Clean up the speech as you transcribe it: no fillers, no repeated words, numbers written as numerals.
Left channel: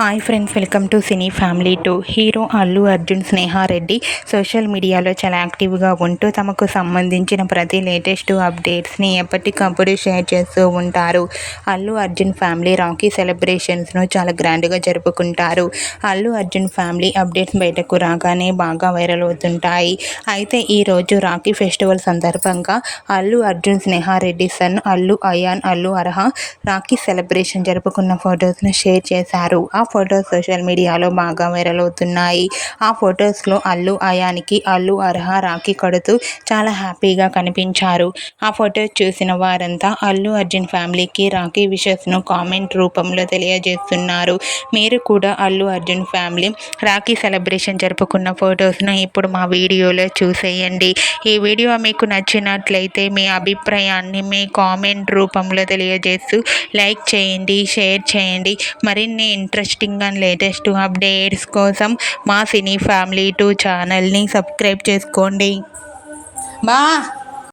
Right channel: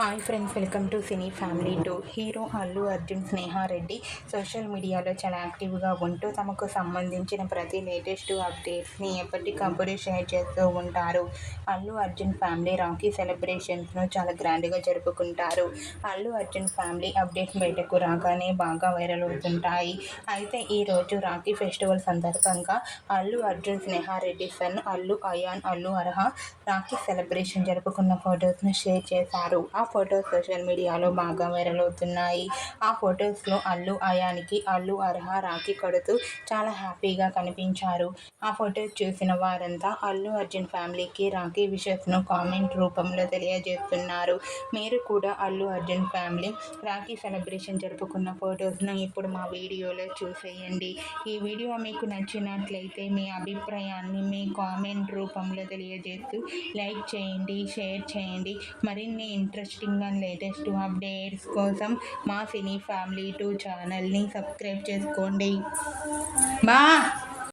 Hi friends, welcome to cine family 2. Hero Allu Arjun Sneha Reddy social మీడియాలో చాలా యాక్టివ్గా ఉంటూ తమకు సంబంధించిన ప్రతి లేటెస్ట్ అప్డేట్స్ని ఎప్పటికప్పుడు షేర్ చేస్తూ ఉంటారు. అల్లు అర్జున్ ఫ్యామిలీ రాఖీ సెలబ్రేషన్స్ను చాలా గ్రాండ్గా జరుపుకుంటారు. అల్లు అర్జున్ ఫ్యామిలీ అప్డేట్స్ బయటకు రాగానే బాగా వైరల్ అవుతుంటాయి. అయితే ఈరోజు రాఖీ ఫెస్టివల్ సందర్భంగా అల్లు అర్జున్ స్నేహారెడ్డి సన్ అల్లు అయాన్ అల్లు అర్హ రాఖీ సెలబ్రేషన్ జరుపుకున్న ఫొటోస్ను షేర్ చేశారు. ఆ ఫొటోస్ సోషల్ మీడియాలో బాగా వైరల్ అవుతున్నాయి. ఆ ఫొటోస్లో అల్లు అయాన్కి అల్లు అర్హ రాఖీ కడుతూ చాలా హ్యాపీగా కనిపించారు. ఆ ఫొటోస్ చూసిన వారంతా అల్లు అర్జున్ ఫ్యామిలీకి రాఖీ విషెస్ను కామెంట్ రూపంలో తెలియజేస్తున్నారు. మీరు కూడా అల్లు అర్జున్ ఫ్యామిలీ రాఖీ సెలబ్రేషన్ జరుపుకున్న ఫొటోస్ను ఇప్పుడు మా వీడియోలో చూసేయండి. ఈ వీడియో మీకు నచ్చినట్లయితే మీ అభిప్రాయాన్ని మీ కామెంట్ రూపంలో తెలియజేస్తూ లైక్ చేయండి, షేర్ చేయండి. మరిన్ని ఇంట్రెస్టింగ్ అండ్ లేటెస్ట్ అప్డేట్స్ కోసం మా సినీ ఫ్యామిలీ 2 ఛానల్ని సబ్స్క్రైబ్ చేసుకోండి.